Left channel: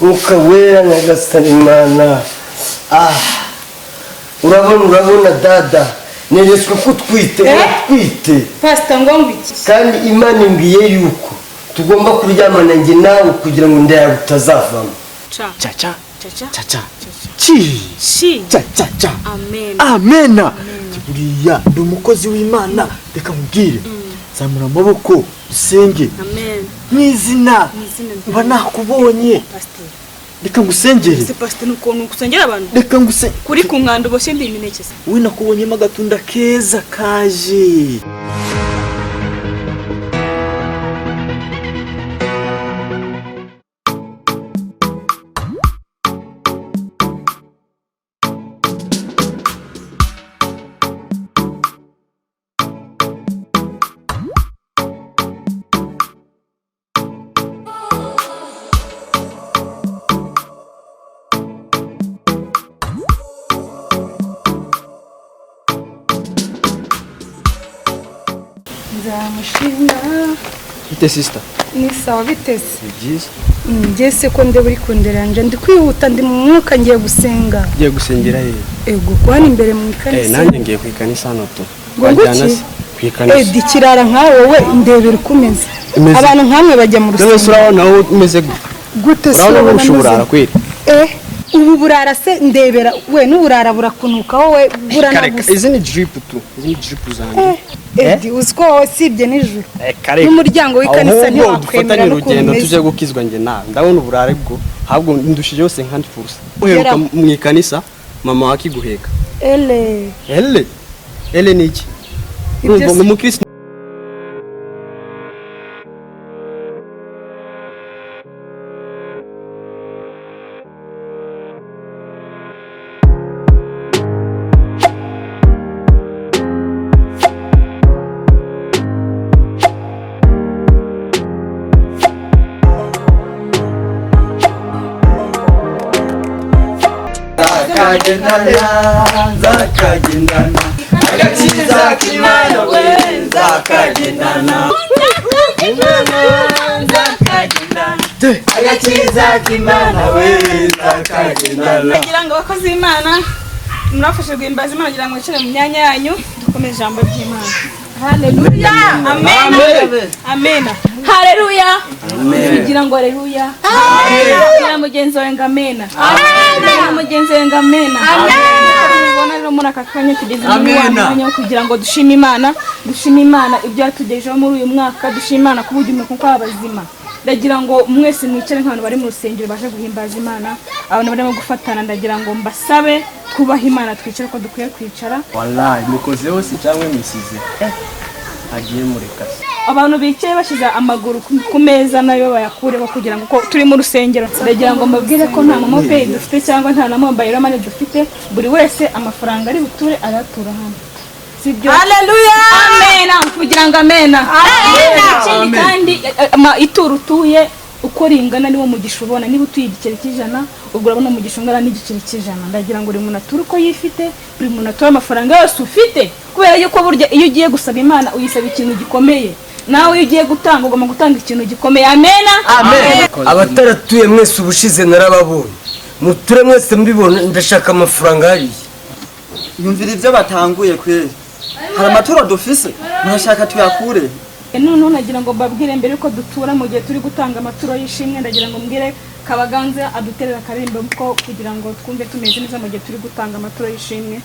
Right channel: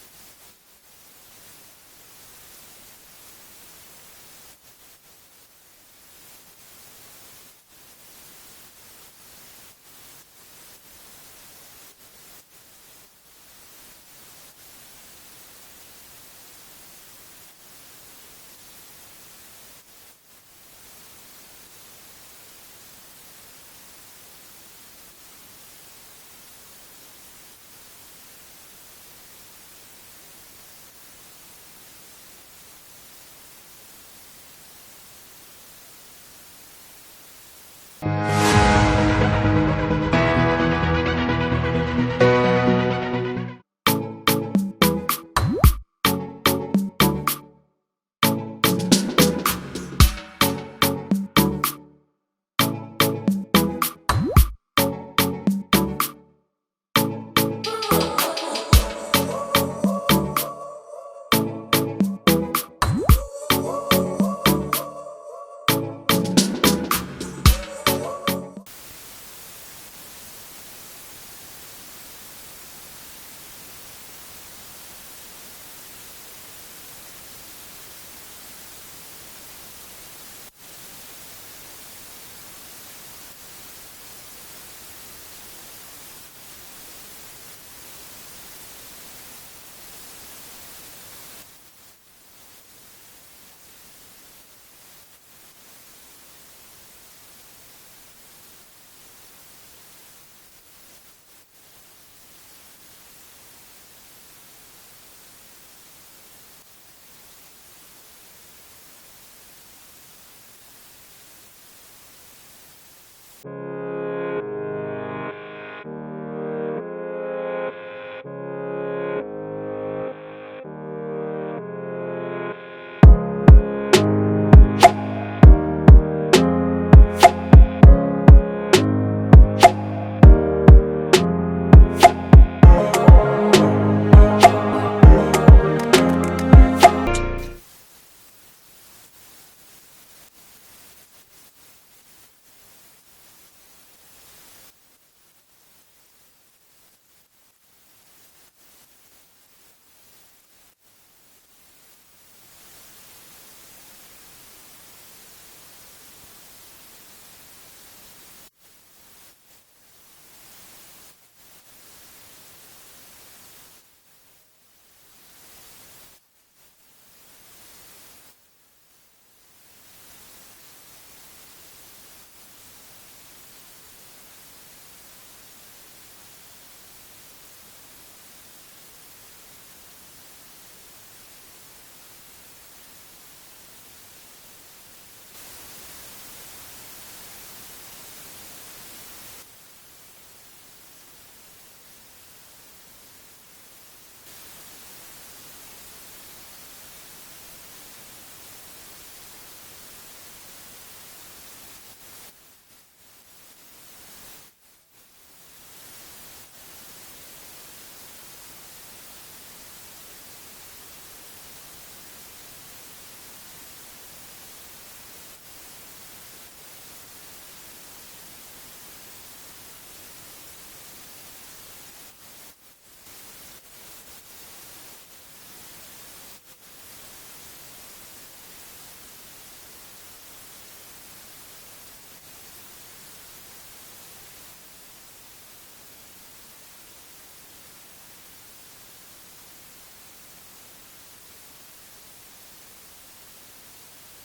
Mwuka wera nyagasani Imana. Urabona dada, neretswe ko twite Pastor ngombi kandi Imana imbwiye yuko tugomba kuryamana njye nawe kugira ngo nda yawe utazavamo. Cha Amen. Buriya ndi umukozi w'Imana, reka mubwire. Zamura amaboko usenge. Amen. Mwizina mba nakubonye. Pastor. Reka ngusengere. Pastor nuko kusengera abantu. Reka nguse Kuri ku nkando bose ndi imineke. we nakubonyemo agatunda keza kaje. Nzamushinga. Ite sister. Ni sawa bitese. Byiza. Ngese ko nde buri kunderanje ndi kwihuta ndi mu mwuka ngiye gusenga. Ngiye gusengera he? Ego kwani imbere mu ikanisa. Nanjye ngiye kwikanisa hano to. Gwajyana se kwikanisa. Dikirara nkawe wowe ndebera ukumeze. Abantu nkamwe bajya mu rusengero. None urabona wowe umeze gute se urabona ushobora kwera. Ubu burara se ndebera we n'uburara burakunuka wowe buranagusa. Izi ni drip tu. Izi ni drip zanjye. Uziko sibye nijoro. N'umuryango w'ikanisa ntiwakwemera urugendo tuje gukizwa nge nawe. Ndabona uburare bwo ahubwo ndushije yose nkandi furusa. Uheruka mu ikanisa mama wakiguheka. Ele ni iki? Urumva mu Kristo. Zakagendana agakiza k'Imana we zakagendana agakiza k'Imana we zakagendana. Kugira ngo abakozi b'Imana murafashe guhimbaza Imana kugira ngo icire mu myanya yanyu dukomeze ijambo ry'Imana. Haleluya. Amen. Amen. Haleluya. Kugira ngo haleluya. Kugira mugenzi wawe ngamena. Amen. Mugenzi wawe ngamena. Amen. Ubona rero muri akakanya tugeze muri wanya kugira ngo dushime Imana ibyo yatugejeho muri uyu mwaka, dushime Imana kubujyume kuko abazima. Ndagira ngo mwese mwicare nk'abantu bari mu rusengero baje guhimbaza Imana, abantu barimo gufatana, ndagira ngo mbasabe twubahe Imana twicare ko dukwiye kwicara. Wallahi mukoze hose cyangwa misize. Agiye mureka. Abantu bicaye bashize amaguru ku meza nayo bayakureho kugira ngo turi mu rusengero. Ndagira ngo mbabwire ko nta momo pay dufite cyangwa nta na mobile money dufite, buri wese amafaranga ari buture aratura hano. Sibyo? Haleluya. Amen. Kugira ngo amen. Amen. Kandi ituru tuye uko ringana niwo mugisha ubona, niba utuye igiceri cy'ijana ubwo urabona umugisha ungana n'igiceri cy'ijana. Ndagira ngo uri muntu atura uko yifite, buri muntu atura amafaranga yose ufite, kubera yuko burya iyo ugiye gusaba Imana uyisaba ikintu gikomeye. Nawe iyo ugiye gutanga ugomba gutanga ikintu gikomeye. Amen. Amen. Abataratuye mwese ubushize narababonye, muture mwese mbibona. Ndashaka amafaranga hariya. Yumvira ibyo batanguye kweri. Hari amaturo dufise murashaka tuyakure. None nagira ngo mbabwire mbere ko dutura mu gihe turi gutanga amaturo y'ishimwe, ndagira ngo mbwire Kabaganze aduterera karimbo ko kugira ngo twumve tumeze neza mu gihe turi gutanga amaturo y'ishimwe.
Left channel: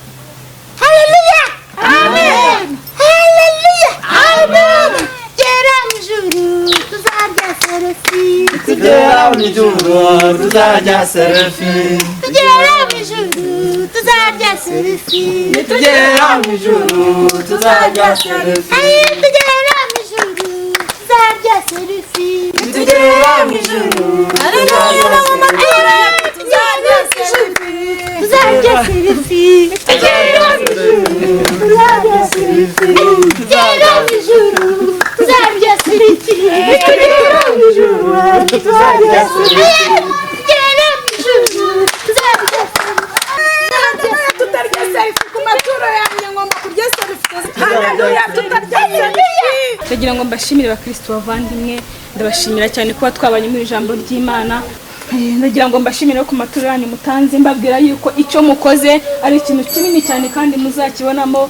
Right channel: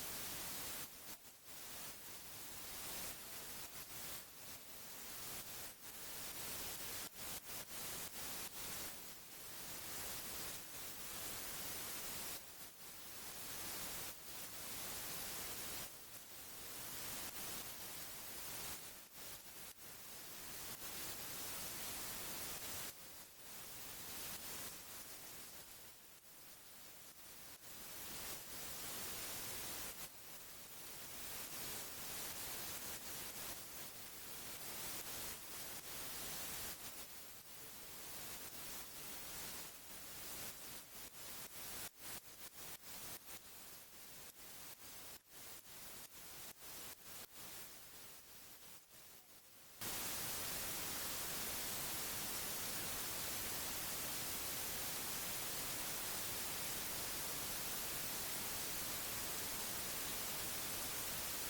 Haleluya. Amen. Haleluya. Amen. Gera mjuru tuzarya selfie. Tugera mu ijuru tuzarya selfie. Tugera mjuru tuzarya selfie. Tugera mu ijuru tuzarya selfie. Tugera mjuru tuzarya selfie. Tugera mu ijuru Haleluya. Tuzarya selfie. Tuzarya selfie. Tugera mjuru tuzarya selfie. Tugera mjuru tuzarya selfie. Tugera mjuru tuzarya selfie. Tugera mjuru tuzarya selfie. Tutarya selfie ku maturo yanjye ngomba kurya selfie. Haleluya. Tutarya selfie. Ndagira ngo mbashimire abakristo bavandimwe, ndabashimira cyane kuba twabanye mu ijambo ry'Imana. ndagira ngo mbashimire ku maturo yanyu mutanze mbabwira yuko icyo mukoze ari ikintu kinini cyane kandi muzakibonamo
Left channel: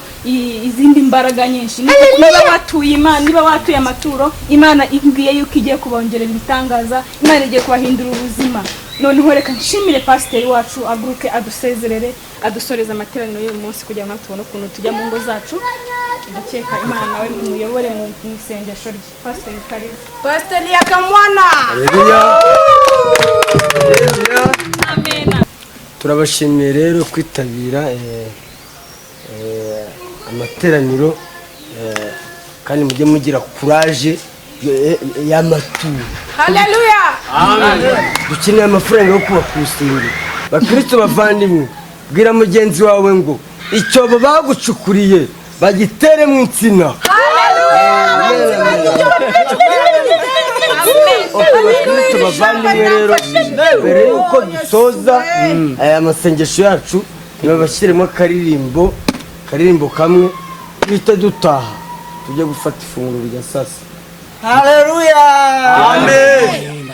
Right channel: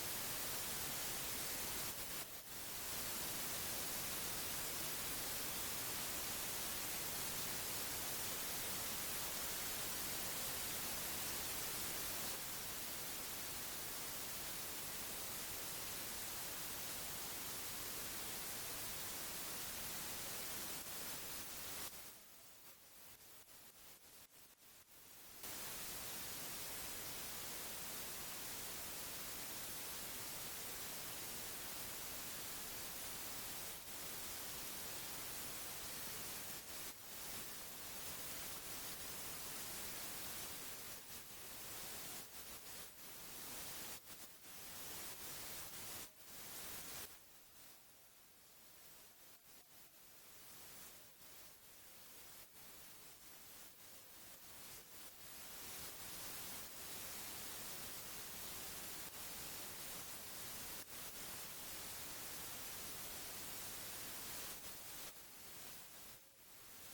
izindi mbaraga nyinshi. Niba watuye Imana, niba watuye amaturo, Imana imbwiye yuko igiye kubongerera ibitangaza, Imana igiye kubahindura ubuzima. Noneho reka nshimire pasiteri wacu aguruke adusezerere, adusoreza amateraniro y'uyu munsi kugira ngo tubone ukuntu tujya mu ngo zacu. Ndakeka Imana nawe muyobore mu isengesho rye. Pasiteri karibu. Pasiteri Yakamwana. Amen. turabashimiye rero kwitabira amateraniro kandi mujye mugira courage y'amaturo. Haleluya. Dukeneye amafaranga yo kubaka urusengero. Bakristo bavandimwe, bwira mugenzi wawe ngo icyobo bagucukuriye bagitere mu insina. Bakristo bavandimwe rero, mbere yuko dusoza aya masengesho yacu, nibabashyiremo akaririmbo kamwe duhita dutaha tujye gufata ifunguro rya sasa. Haleluya. Amen.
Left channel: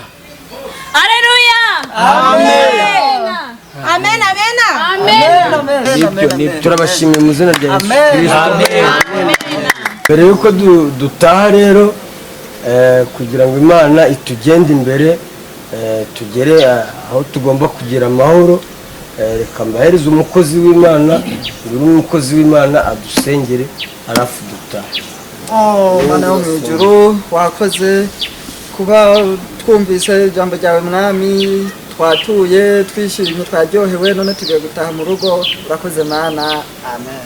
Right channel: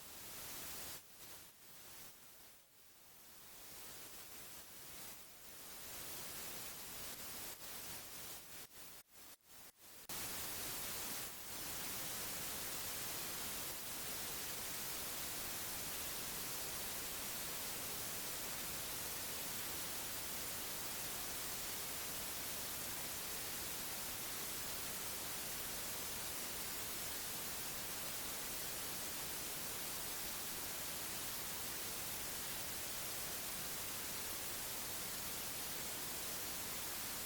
Haleluya. Amen. Amen. Turabashimiye mu izina rya Yesu Kristo. Mbere yuko dutaha rero kugira ngo Imana itugende imbere tugere aho tugomba kugira amahoro, reka mbahereze umukozi w'Imana, buri umukozi w'Imana adusengere arafu dutaha. Mana yo mu ijuru, wakoze kuba twumvise ijambo ryawe mwami, twatuye twishimye twaryohewe, none tugiye gutaha mu rugo. Urakoze Mana. Amen.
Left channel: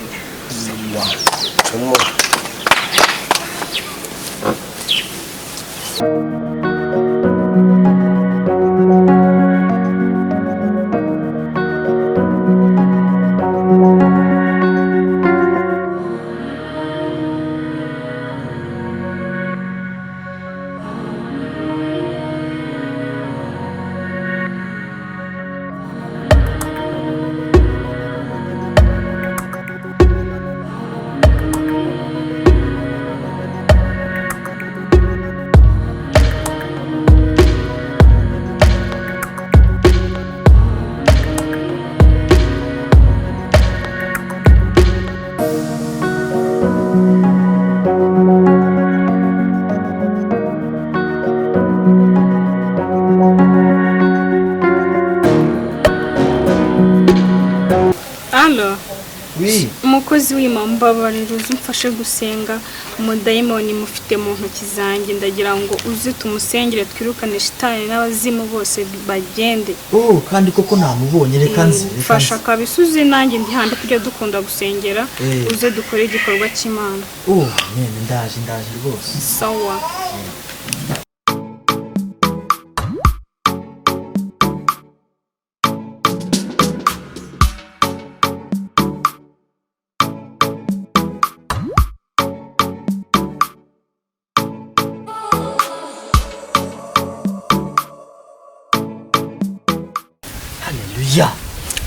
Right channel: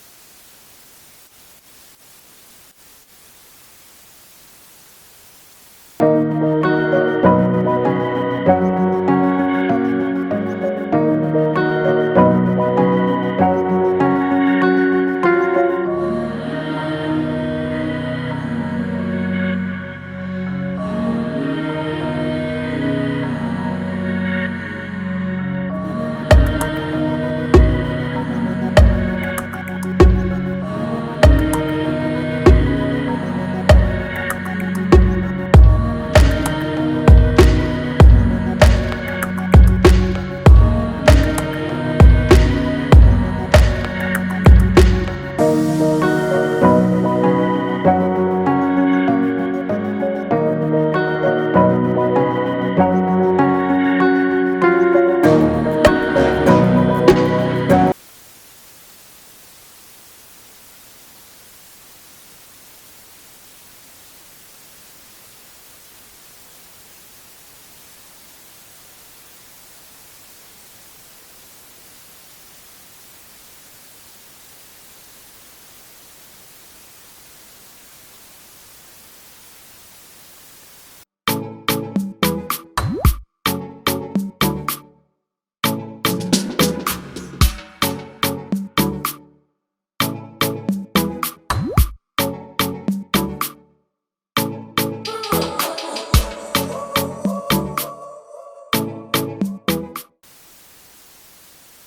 umukozi w'Imana mbabarira uzumfashe gusenga umudayimoni mufite mu ntoki zanjye, ndagira ngo uze tumusengere twirukane shitani n'abazimu bose bagende. Kandi koko namubonye, reka nzi. Fasha kabisuze nanjye ndi handi kujya dukunda gusengera, uze dukore igikorwa cy'Imana. Amen. Ndaje rwose. Sawa.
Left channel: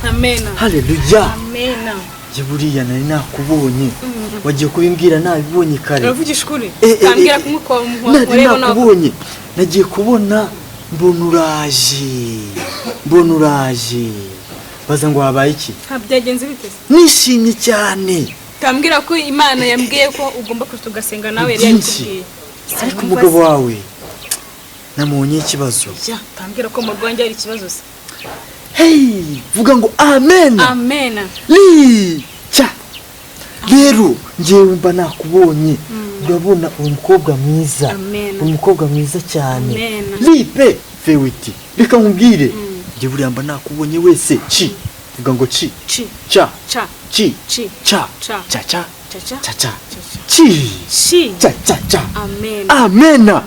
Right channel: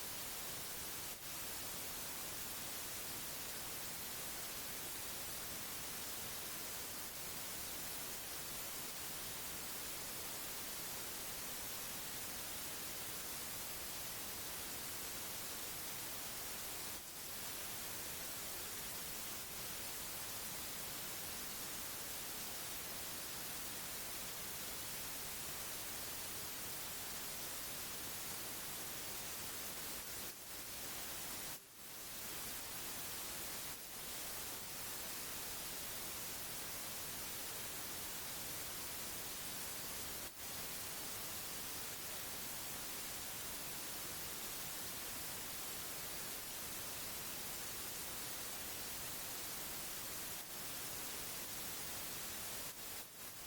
Amen. Haleluya. Amen. Buriya nari nakubonye, wagiye kubimbwira nabibonye kare. Uravugisha ukuri? Tambwira kumwe ko mureba nakubonye, nagiye kubona mbona uraje baza ngo habaye iki? Byagenze bite? Nishimye cyane. Tambwira ko Imana yambwiye ko ugomba kutugasenga nawe yari yakubwiye. Ariko umugabo wawe namunye ikibazo. Tambwira ko mu Rwanda ari ikibazo se. Vuga ngo amen. Amen. Rero ngewe mba nakubonye, urabona umukobwa mwiza, umukobwa mwiza cyane. Lipe fewiti, reka nkubwire, ngewe buriya mba nakubonye wese vuga ngo amen.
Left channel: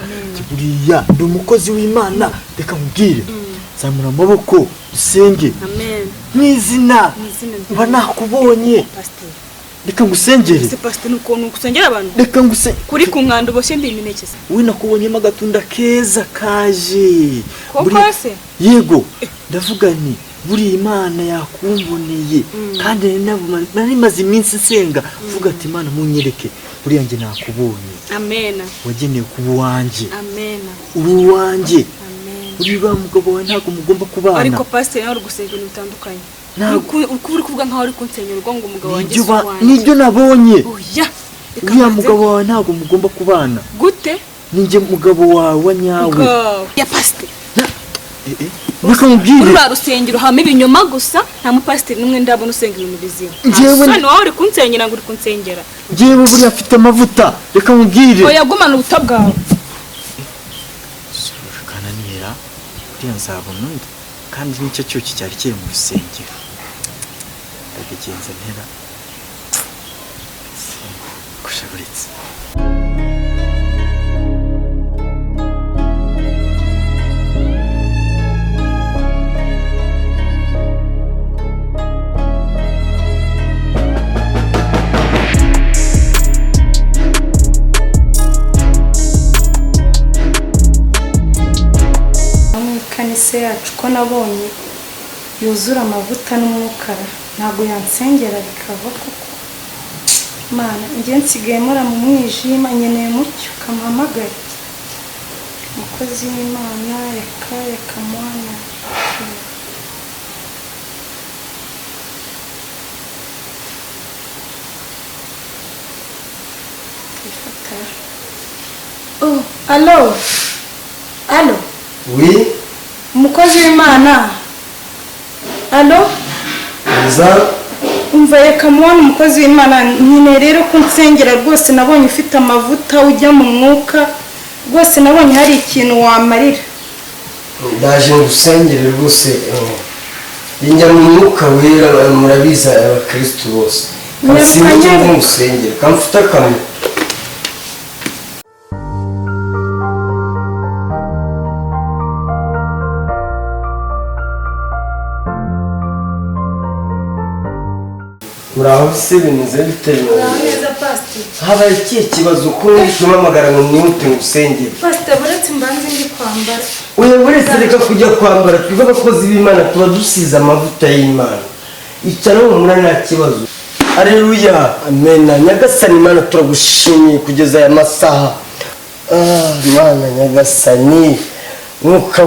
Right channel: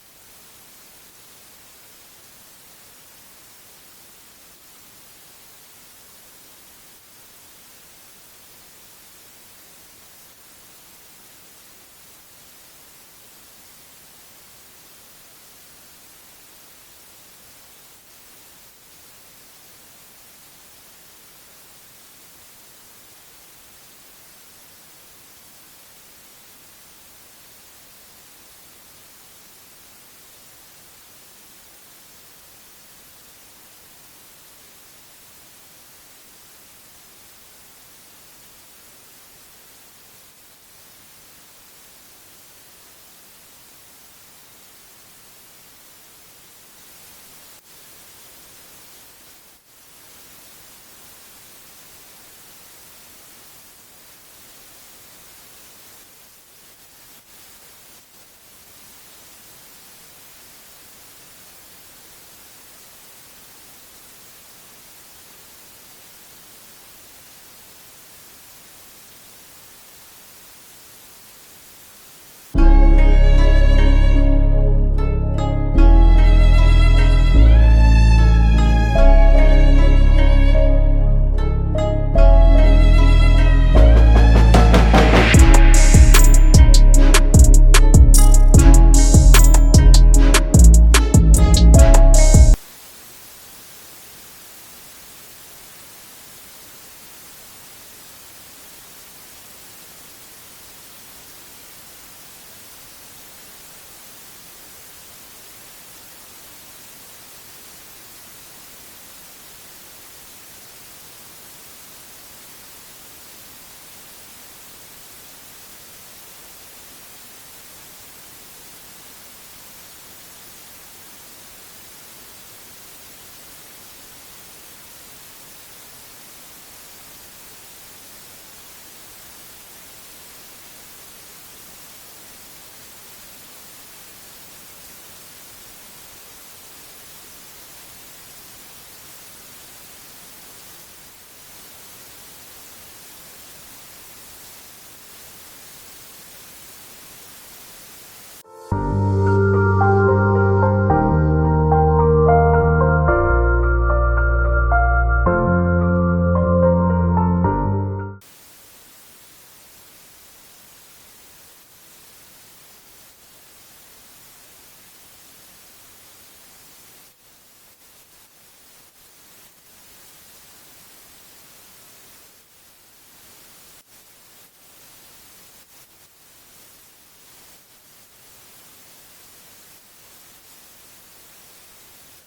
Buriya ndi umukozi w'Imana, reka nkubwire, zamura amaboko dusenge. Amen. Mwizina mba nakubonye, reka ngusengere. Pastor nuko kusengera abantu, reka kuri ku nkando bose ndi imineke se. We nakubonyemo agatunda keza kaje. Yego, ndavuga nti buri Imana yakumboneye, kandi nari maze iminsi nsenga vuga ati Imana munyereke buri yanjye nakubonye. Amen. Wageneye kuba wanjye. Amen. Uri wanjye. Amen. uriya mugabo wawe ntabwo mugomba kubana. ariko pastor nawe uri gusenga ibintu bitandukanye uko uri kuvuga nkaho uri kunsengera ngo umugabo wanjye nibyo nabonye. oya uriya mugabo wawe ntabwo mugomba kubana. gute ninjye mugabo wawe nyawe ya pastor reka mubwire uri rusengero hama ibinyoma gusa nta mupasiteri n'umwe ndabona usenga ibintu bizima njyewe none wawe uri kunsengera ngo uri kunsengera njyewe buriya afite amavuta reka mubwire oya gumana ubuta bwawe kananira uriya nzabona undi kandi nicyo cyuki cyari kiri mu rusengero ndabigenza ntera kushaburitse kanise yacu ko nabonye yuzura amavuta n'umwukara ntabwo yansengera bikava kuko mana njye nsigaye mura mu mwijima nkeneye mucyo kamuhamagare umukozi w'Imana reka mwana oh allo oui umukozi w'Imana allo umva reka mwana umukozi w'Imana nyine rero kunsengera rwose nabonye ufite amavuta ujya mu mwuka rwose nabonye hari ikintu wamarira ndaje ngusengere rwose njya mu mwuka wera murabiza abakristo bose kasinje ngusengere kamfuta kamwe muraho se bimeze bitewe neza pastor habaye ikihe kibazo ko mpamagara ngo mwihute ngusengere pastor buretse mbanze ndi kwambara oya buretse reka kujya kwambara twebwe abakozi b'Imana tuba dusize amavuta y'Imana icara mumura nta kibazo aleluya amen nyagasani Imana turagushimiye kugeza aya masaha Imana nyagasani mwuka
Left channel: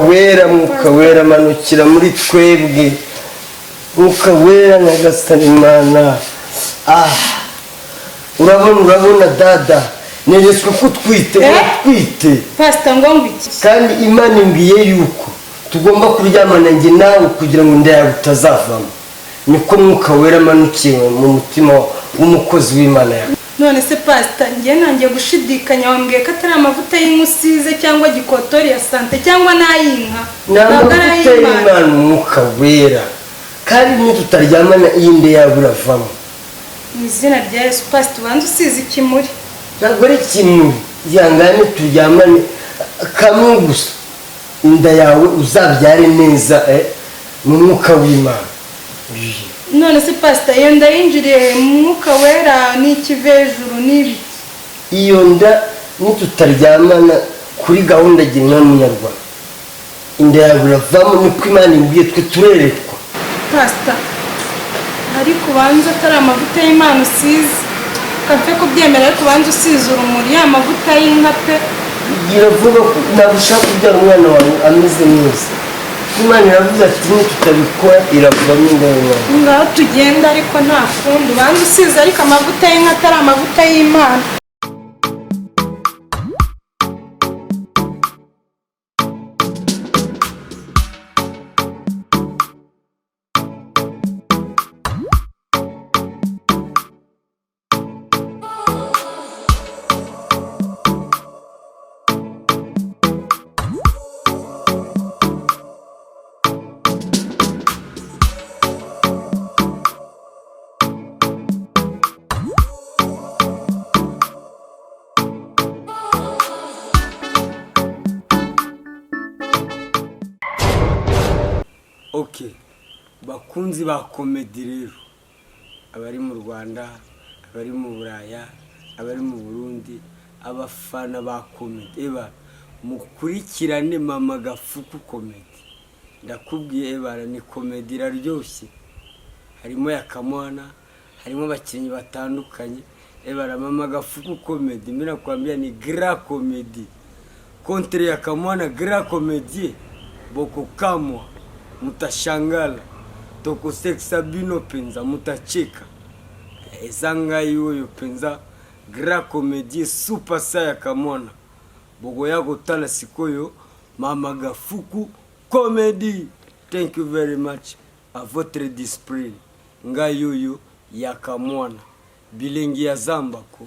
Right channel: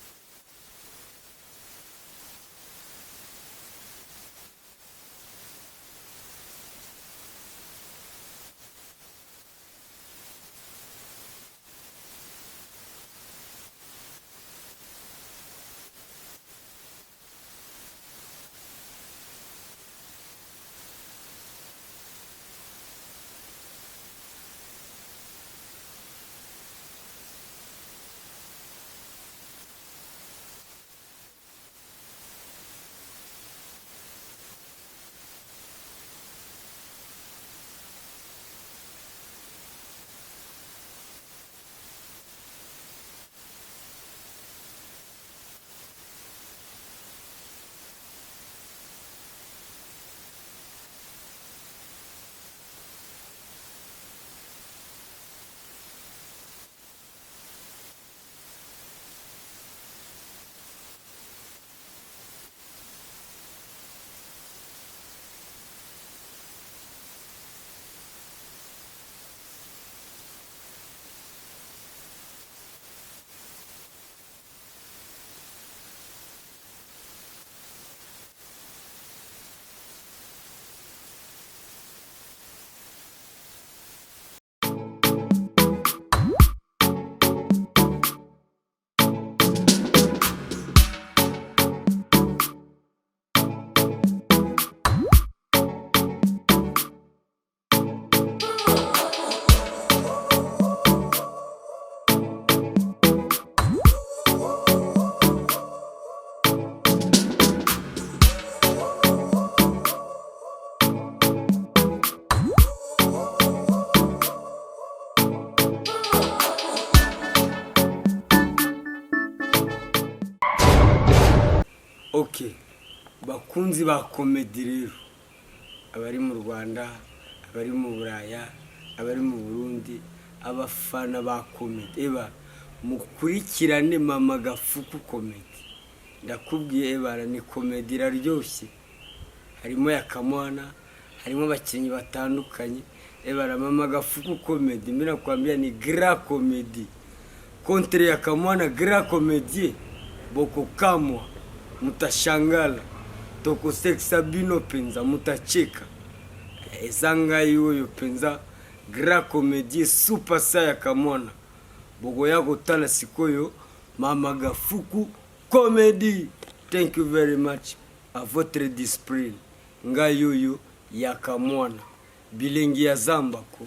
wera manukira muri twebwe mwuka wera nyagasani Imana urabona dada neretswe ko twite pastor ngo ngwiki kandi Imana imbwiye yuko tugomba kuryamana njye nawe kugira ngo inda yawe utazavamo niko mwuka wera manukiye mu mutima w'umukozi w'Imana yawe none se pastor njye nangiye gushidikanya wambwiye ko atari amavuta y'inkusize cyangwa gikotori ya sante cyangwa n'ayinka ntabwo amavuta y'Imana umwuka wera kandi niyo tutaryamana iyi nda yawe uravamo mu izina rya Yesu pastor ubanza usize ikimuri ntabwo ari kimwe yangane turyamane kamwe gusa inda yawe uzabyare neza mu mwuka w'Imana none se pastor iyo nda yinjiriye mu mwuka wera n'ikivejuru n'ibi iyo nda nitutaryamana kuri gahunda gira munyarwanda inda yawe uravamo niko Imana imbwiye twe turerekwa pastor ariko ubanza atari amavuta y'Imana usize kapfe kubyemera ariko ubanza usize urumuri ya mavuta y'inka pe gira vuba ntabwo ushaka kubyara umwana wawe ameze neza Imana iravuze ati tutabikora iravamo inda yawe ngaho tugenda ariko nta kundi ubanza usize ariko amavuta y'inka atari amavuta y'Imana okay bakunzi ba komedi rero abari mu Rwanda abari mu Buraya abari mu Burundi abafana ba komedi mukurikirane Mama Gafuku komedi ndakubwiye ni komedi iraryoshye harimo yakamwana harimo abakinnyi batandukanye Mama Gafuku komedi mira kwambia ni gra komedi contre yakamwana gra komedi boko kamwa mutashangala tokosekisa bino penza mutacheka ezanga yoyo penza grand comédie super saya kamwana boko yako tala sikoyo Mama Gafuku Comedy. Thank you very much à votre discipline nga yoyo ya kamwana bilengi ya zambako